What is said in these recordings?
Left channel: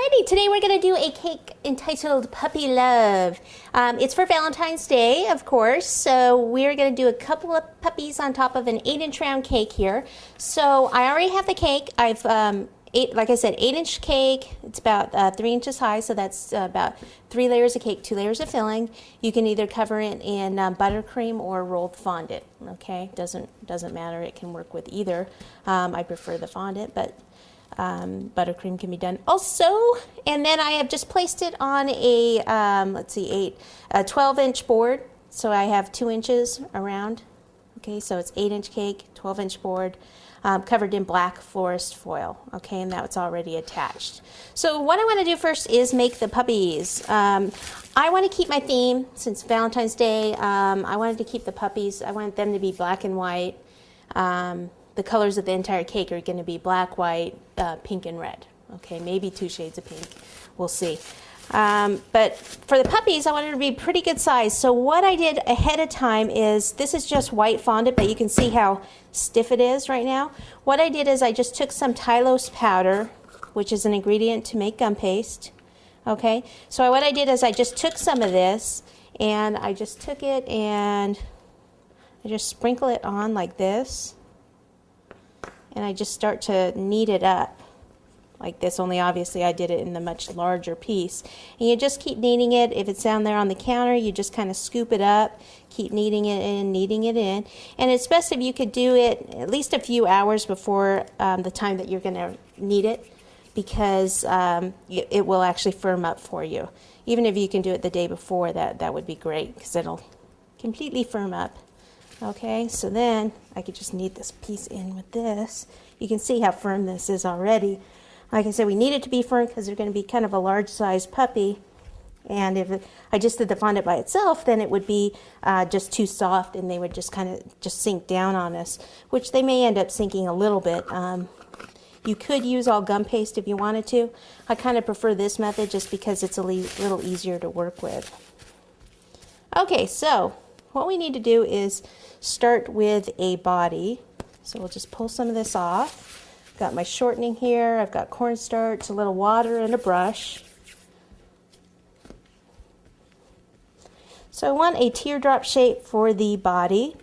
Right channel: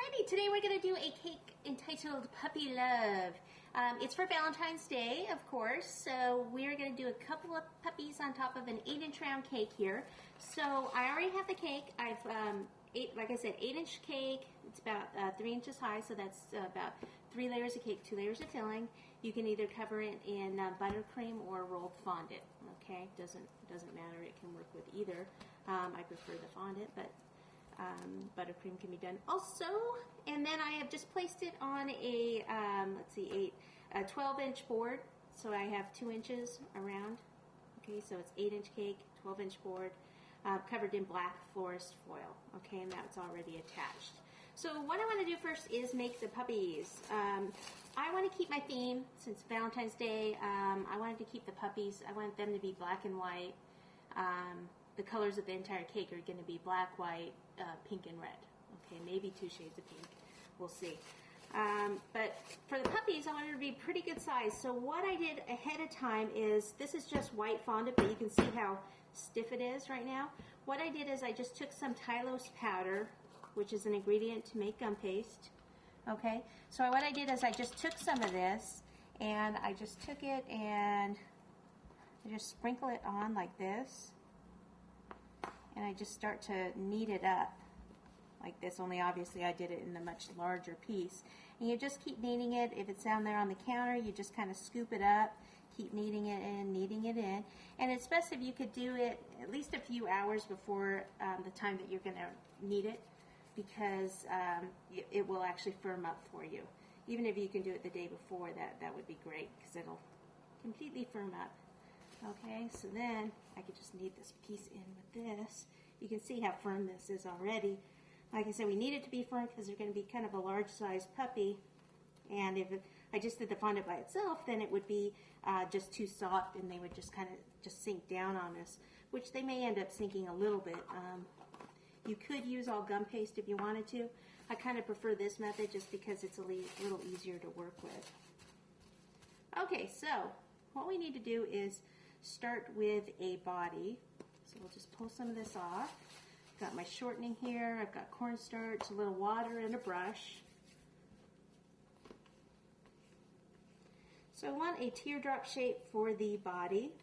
Alrighty, today we're going to do a cake entitled Puppy Love. It's for Valentine's Day, of course, so we're going to do a couple of puppies on top of an 8-inch round cake here. So I already have the cake. I've, like I said, 8-inch cake. It's about 3 inches high, so that's about 3 layers of cake, 2 layers of filling. You can either cover it in buttercream or rolled fondant, okay? Doesn't matter, it can work with either. I prefer the fondant, but buttercream can be done also. And then I have just placed it on a, a 12-inch board. So I have 2 inches around. Okay, so it's 8-inch cake, 12-inch board, covered in black forest foil. Okay, and that's already attached. So what I want to do first is make the puppies. I want to keep my theme since Valentine's Day. I wanted to keep the puppies. I want them to be black and white. The colors of the entire cake are going to be black, white, pink, and red. Okay, maybe 2 shades of pink. We'll see. But for the puppies, I wanted it to be pretty good size. So what I did ahead of time is, this is just white fondant, but you can see how stiff it is right now. What I did is I just took some Tylose Powder, which is an ingredient to make gum paste. Okay, so what I did is I just took some of this, and I just took it and I just sprinkle it on like this. And I just start to knead it up like this, only obviously I did it in the much larger piece. And you just keep kneading it. If it's down there on the counter, you just kind of scoop it up, keep kneading it in, kneading it in. And it's best if you could do it at least a few hours before the time that you're going to knead it, because it will actually firm up for you. Even if you can do it the day before, that would be great, because it'll completely firm up. Okay, so then I could just knead this piece in with this. You can see how firm this is already. Like I said, we need it to be firm because they're going to be kind of a large size puppy. And if I just did the fondant by itself, then it would be just too soft, and they would just kind of just sink down on us, which they may end up sinking a little bit. You could use all gum paste if you wanted to. I kind of prefer this method just because it's a little easier to work with. Okay, so what we need to do is start with a body. So we'll just pull some of this off. Got my shortening here, I've got cornstarch, a little water, and a brush. So I want a teardrop shape for the body.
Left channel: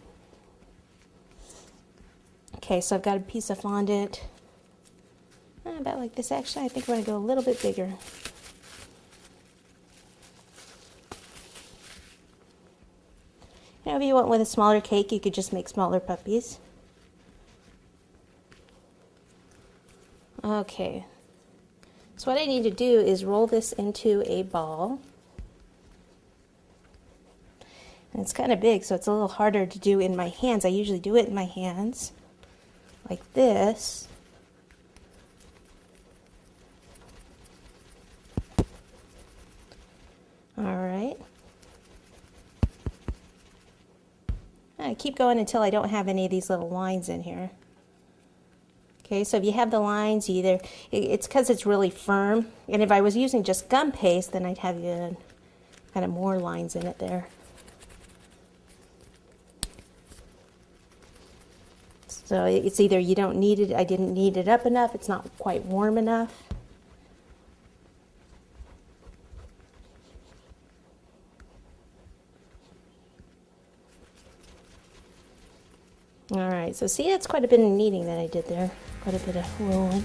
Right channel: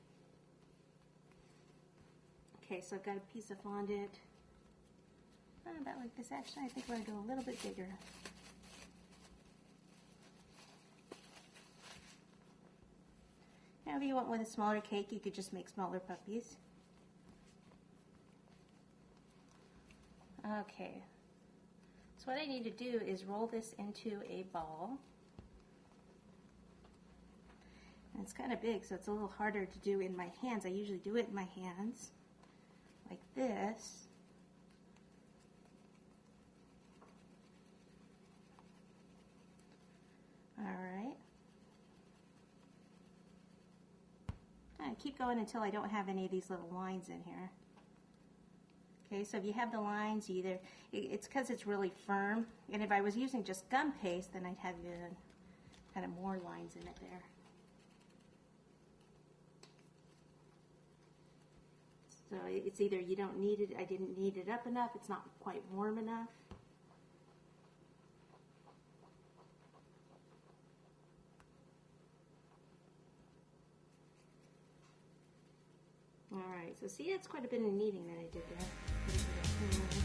Okay, so I've got a piece of fondant, about like this actually. I think I'm going to go a little bit bigger. If you went with a smaller cake, you could just make smaller puppies. Okay, so what I need to do is roll this into a ball. And it's kind of big, so it's a little harder to do in my hands. I usually do it in my hands, like this. All right. I keep going until I don't have any of these little lines in here. Okay, so if you have the lines, it's because it's really firm. And if I was using just gum paste, then I'd have kind of more lines in it there. So it's either you don't need it, I didn't knead it up enough, it's not quite warm enough. All right, so see, that's quite a bit of kneading that I did there, quite a bit of rolling.